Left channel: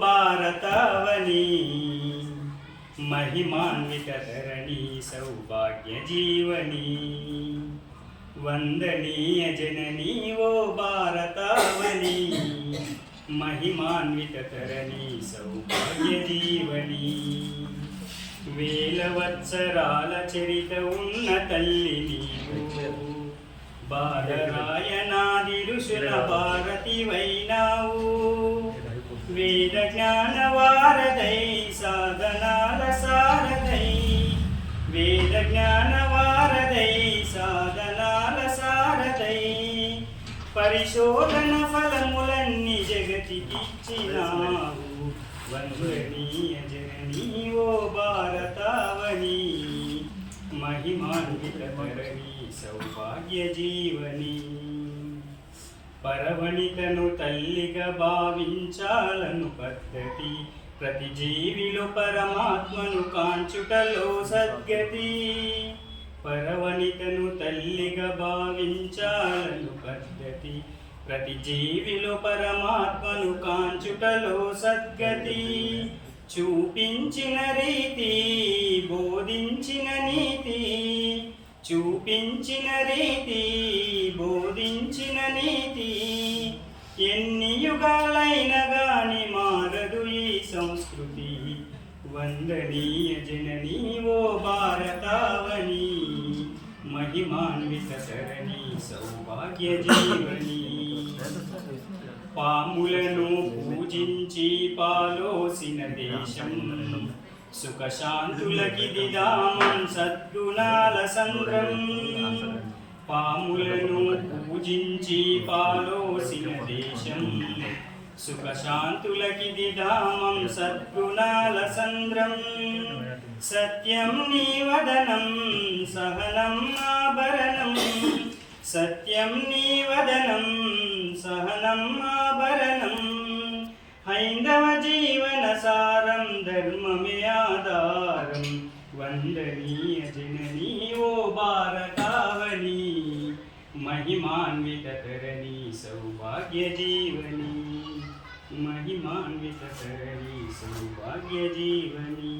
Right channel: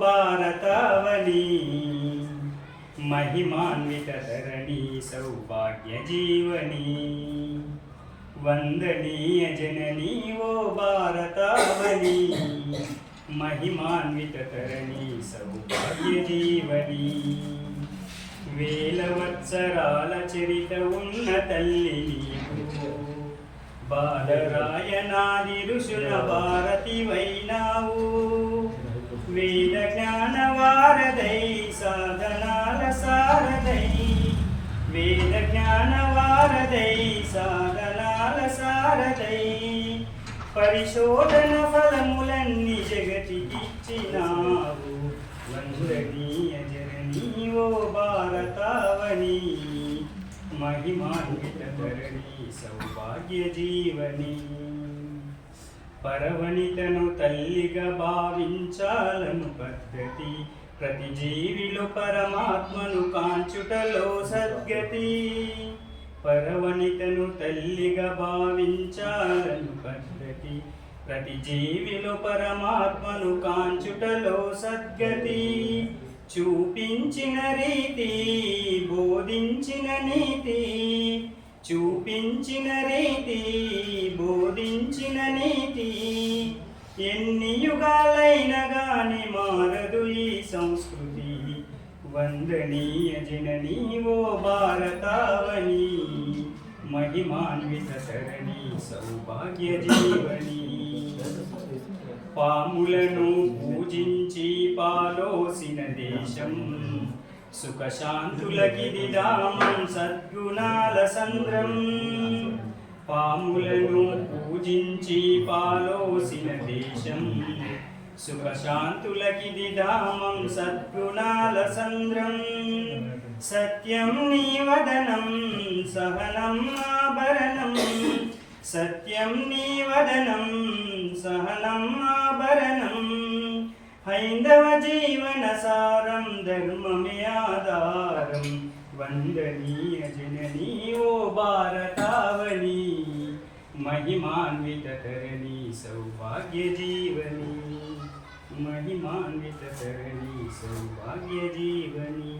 భారతావని महिमान्वित धरणी सौभाग्य जीवनी वंदनीय जननी वो भारतावनी महिमान्वित धरणी सौभाग्य जीवनी వేలవత్సరాల చరిత ఉన్న తల్లి నీవు బాలరాయణాది ఋషుల భారతి వైనావు వేద జ్ఞాన వారదై సాధనాల సారదై వేద జ్ఞాన వారదై సాధనాల సారదై పరిశోధన ఫలములన్నీ జగతికిచ్చినావు వందనీయ జననీ ఓ భారతావని महिमान्वित धरणी सौभाग्य जीवनी పరవనితను తల్లిగా భావించాలను పద్ధతి ప్రతి జీవిలో పరమాత్మను కాంచుటలో సద్గతి పరవనితను తల్లిగా భావించాలను పద్ధతి ప్రతి జీవిలో పరమాత్మను కాంచుటలో సద్గతి చూపించిన రీతి బోధించిన నీతి చూపించిన రీతి బోధించిన నీతి ఎన్ని యుగాలైన గాని మారదు ఈ సంస్కృతి వందనీయ జననీ ఓ భారతావని महिमान्वित धरणी సౌభాగ్య జీవని పాములను పూజించి పాలోసిన దేశం సుఖశాంతులకిదిదాం సద్గుణాల సంద్రం పాములను పూజించి పాలోసిన దేశం సుఖశాంతులకిదిదామం సద్గుణాల సంద్రం సత్యం నీ వదనం సహనం ఆభరణం సత్యం నీ వదనం సహనం ఆభరణం హైందవ జీవన సారం ధర్మమే ఆధారం వందనీయ జననీ ఓ భారతావని महिमान्वित धरणी सौभाग्य जीवनी महिमान्वित धरणी सौभाग्य जीवनी।